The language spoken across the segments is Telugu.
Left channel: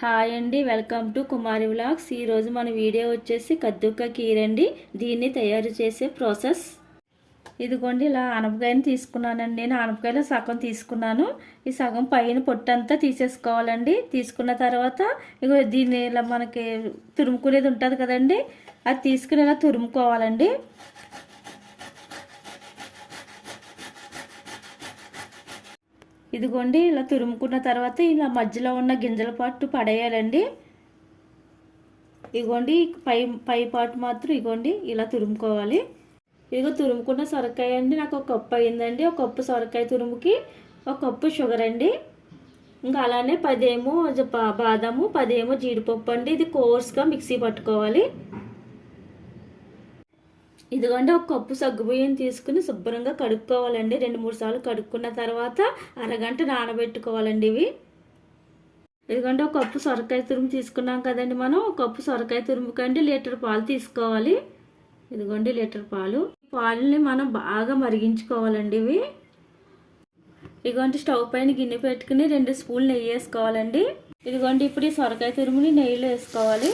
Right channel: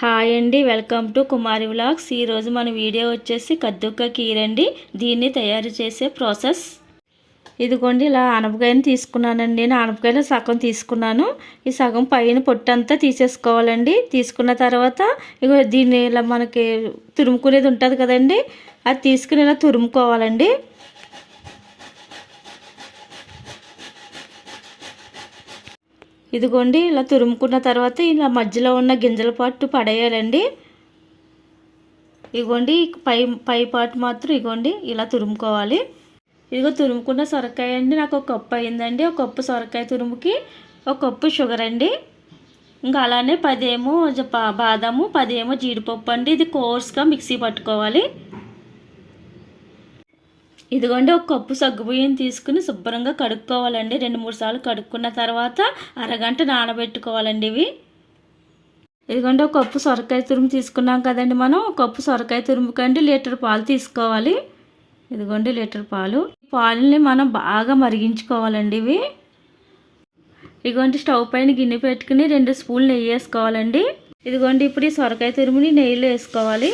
హాయ్ అండి, వెల్కమ్ టు కుమారి వ్లాగ్స్. ఈరోజు మన వీడియో వచ్చేసి కద్దుక్క కీర్ అండి. దీన్ని తయారు చేసే ప్రాసెస్ ఇదిగోండి. ఇలా ఆనపకాయని తీసుకున్నానండి. నేను ఆనపకాయలో సగం తీసుకున్నాను. ఈ సగం పైన పొట్టంతా తీసేసుకోవాలండి. తీసుకున్న తర్వాత ఇగో దీన్ని ఇలా మనకి తురుముకునేది ఉంటుంది కదండి, అది తీసుకుని ఇలా తురుముకోవాలండి. ఇదిగోండి, ఇలా తురుముకున్న తర్వాత ఇలా మధ్యలో ఉన్న గింజల పాటు పడేయాలండి. ఇదిగోండి, పై పాటు మాత్రం ఇదిగోండి ఇలా తురుముకోవాలి. ఇదిగో తురుముకున్న సొరకాయ అండి, నాకు ఒక కప్పు అయిందండి. ఒక కప్పు సొరకాయ తురుముకి ఒక కప్పు షుగర్ అండి. ఇంకా అలానే 10 ఏమో బాదాము, 10 ఏమో జీడిపప్పు అండి. ఇది కోర్స్గా మిక్సీ పట్టుకోవాలి. ఇదిగోండి, ఒక కప్పు సగ్గుబియ్యం తీసుకుని శుభ్రంగా కడుక్కోవాలండి. 2-3 సార్లు కడుక్కున్న తర్వాత అరగంట నానబెట్టుకోవాలండి ఇవి. ఇదిగోండి, ఒక కప్పు సొరకాయ తురుము తీసుకున్నాం కదండి మనం. ఒక కప్పు సొరకాయ తురుముకండి లీటర్ పాలు తీసుకోవాలి. ఇదిగోండి లీటర్ పాలని మనం బాగా మరిగించుకోవాలండి ఇవి. ఇదిగోండి, స్టవ్ పైన గిన్నె పెట్టుకుని 2 స్పూన్లు నెయ్యి వేసుకోవాలండి. ఇదిగోండి, ఇప్పుడు ఈ సొరకాయ తురుముని నెయ్యిలో వేసుకోవాలి.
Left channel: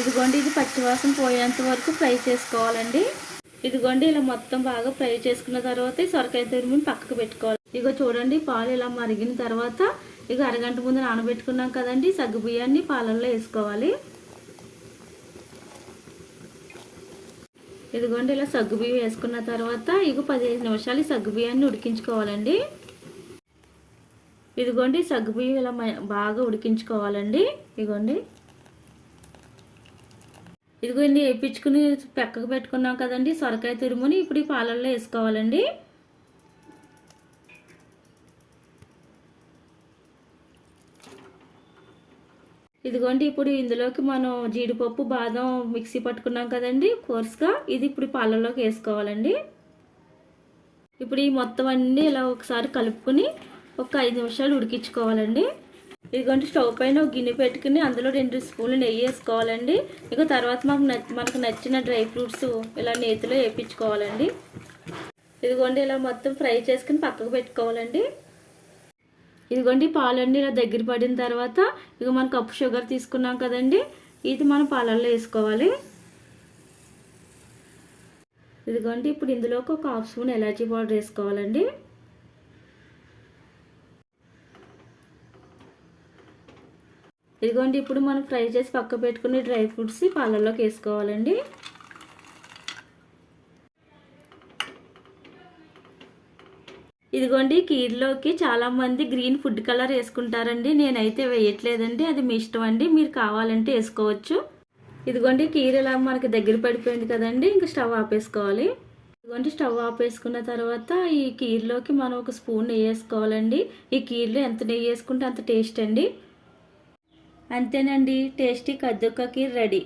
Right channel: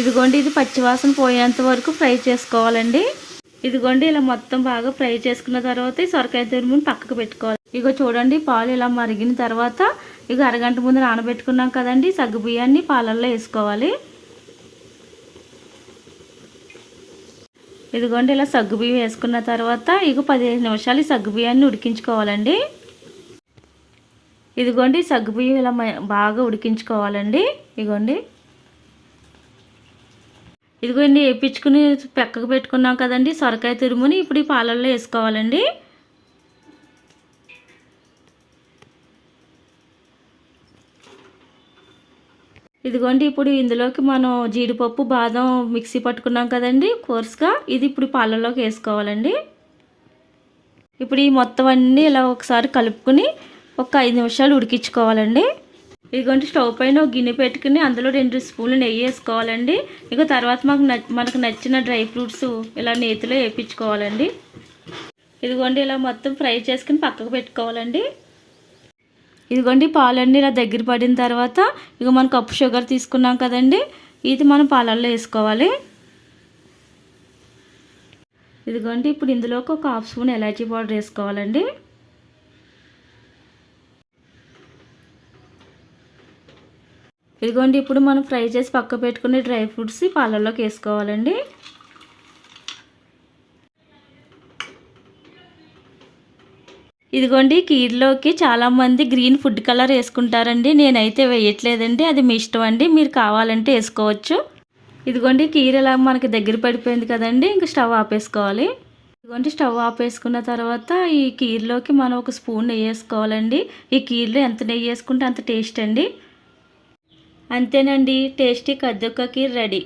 ఇదిగోండి, ఇది పచ్చివాసన పోయేంత వరకు ఫ్రై చేసుకోవాలండి. ఇదిగోండి, ఇలా మొత్తం బాగా ఫ్రై చేసుకున్న తర్వాత ఈ సొరకాయ తురుముని పక్కకు పెట్టుకోవాలి. ఇగో చూడండి, పాలు ఇలా మరిగిన తర్వాత ఇక అరగంట ముందు నానబెట్టుకున్నాం కదండి, సగ్గు బియ్యాన్ని పాలల్లో వేసుకోవాలి. ఇదిగోండి, ఇలా సగ్గు బియ్యం వేసుకున్న తర్వాత ఇక 15 నిమిషాలు ఈ సగ్గు బియ్యాన్ని ఉడికించుకోవాలండి. ఇదిగోండి, సగ్గు బియ్యం ఇలా బాగా ఉడికించుకోవాలండి. ఇదిగోండి, వేపించుకుని పక్కకు పెట్టుకున్నాం కదండి సొరకాయ తురుముని ఇప్పుడు ఈ పాలల్లో వేసుకోవాలండి. ఇదిగోండి, ఇప్పుడు ఇందులోకి మనం జీడిపప్పు బాదం మిక్సీ పట్టుకున్నాం కదండి కోర్స్గా, ఇది ఇప్పుడు పాలల్లోకి వేసుకోవాలండి. ఇప్పుడు ఈ మొత్తం అన్నీ ఇలా ఒకసారి కలుపుకొని ఒక 5 నిమిషాలు ఉడికించుకోవాలండి. ఇదిగోండి, స్టవ్ పైన ఒక గిన్నె పెట్టుకుని అందులో 2 స్పూన్లు నెయ్యి వేసుకోవాలండి. ఇక తర్వాత మనకు నచ్చిన డ్రై ఫ్రూట్స్ ఇలా నేతిలో వేయించుకోవాలండి. ఇదిగోండి, ఇలా మొత్తం ఫ్రై చేసుకుని పక్కకు పెట్టుకోవాలండి. ఇదిగోండి, పాలన్నీ ఇలా దగ్గర పడిన తర్వాత ఇక మనం కప్పు షుగర్ తీసుకున్నాం కదండి, ఇది మనం పాలల్లో వేసుకోవాలి. ఇదిగోండి, ఇప్పుడు ఇందులోకి ఒక 1/2 స్పూన్ ఎలాచీ పౌడర్ వేసుకోవాలండి. ఇదిగోండి, ఇప్పుడు మనం ఫ్రై చేసి పక్క పెట్టుకునే డ్రై ఫ్రూట్స్ పాలల్లోకి వేసుకోవాలండి. ఇదిగోండి, కీర్లోకి చాలామంది గ్రీన్ ఫుడ్ కలర్ వేసుకుంటారండి. నేనైతే వేయట్లేదండి, అది మీ ఇష్టం అండి, మీరు కావాలంటే వేసుకోవచ్చు. ఇదిగోండి, కీర్ ఇలా మనకి దగ్గర పడిపోయింది కదండి, ఇంకా స్టవ్ ఆపేసుకోవాలి. ఇదిగోండి, స్టవ్ ఆపేసుకున్న తర్వాత ఈ కీర్లోకి మనం ఒక స్పూన్ నెయ్యి వేసుకోవాలండి. ఈ కీర్లో ఎంత నెయ్యి వేసుకుంటే అంత టేస్ట్ అండి. అంతేనండి, టేస్టీ కద్దుక్క కీర్ రెడీ.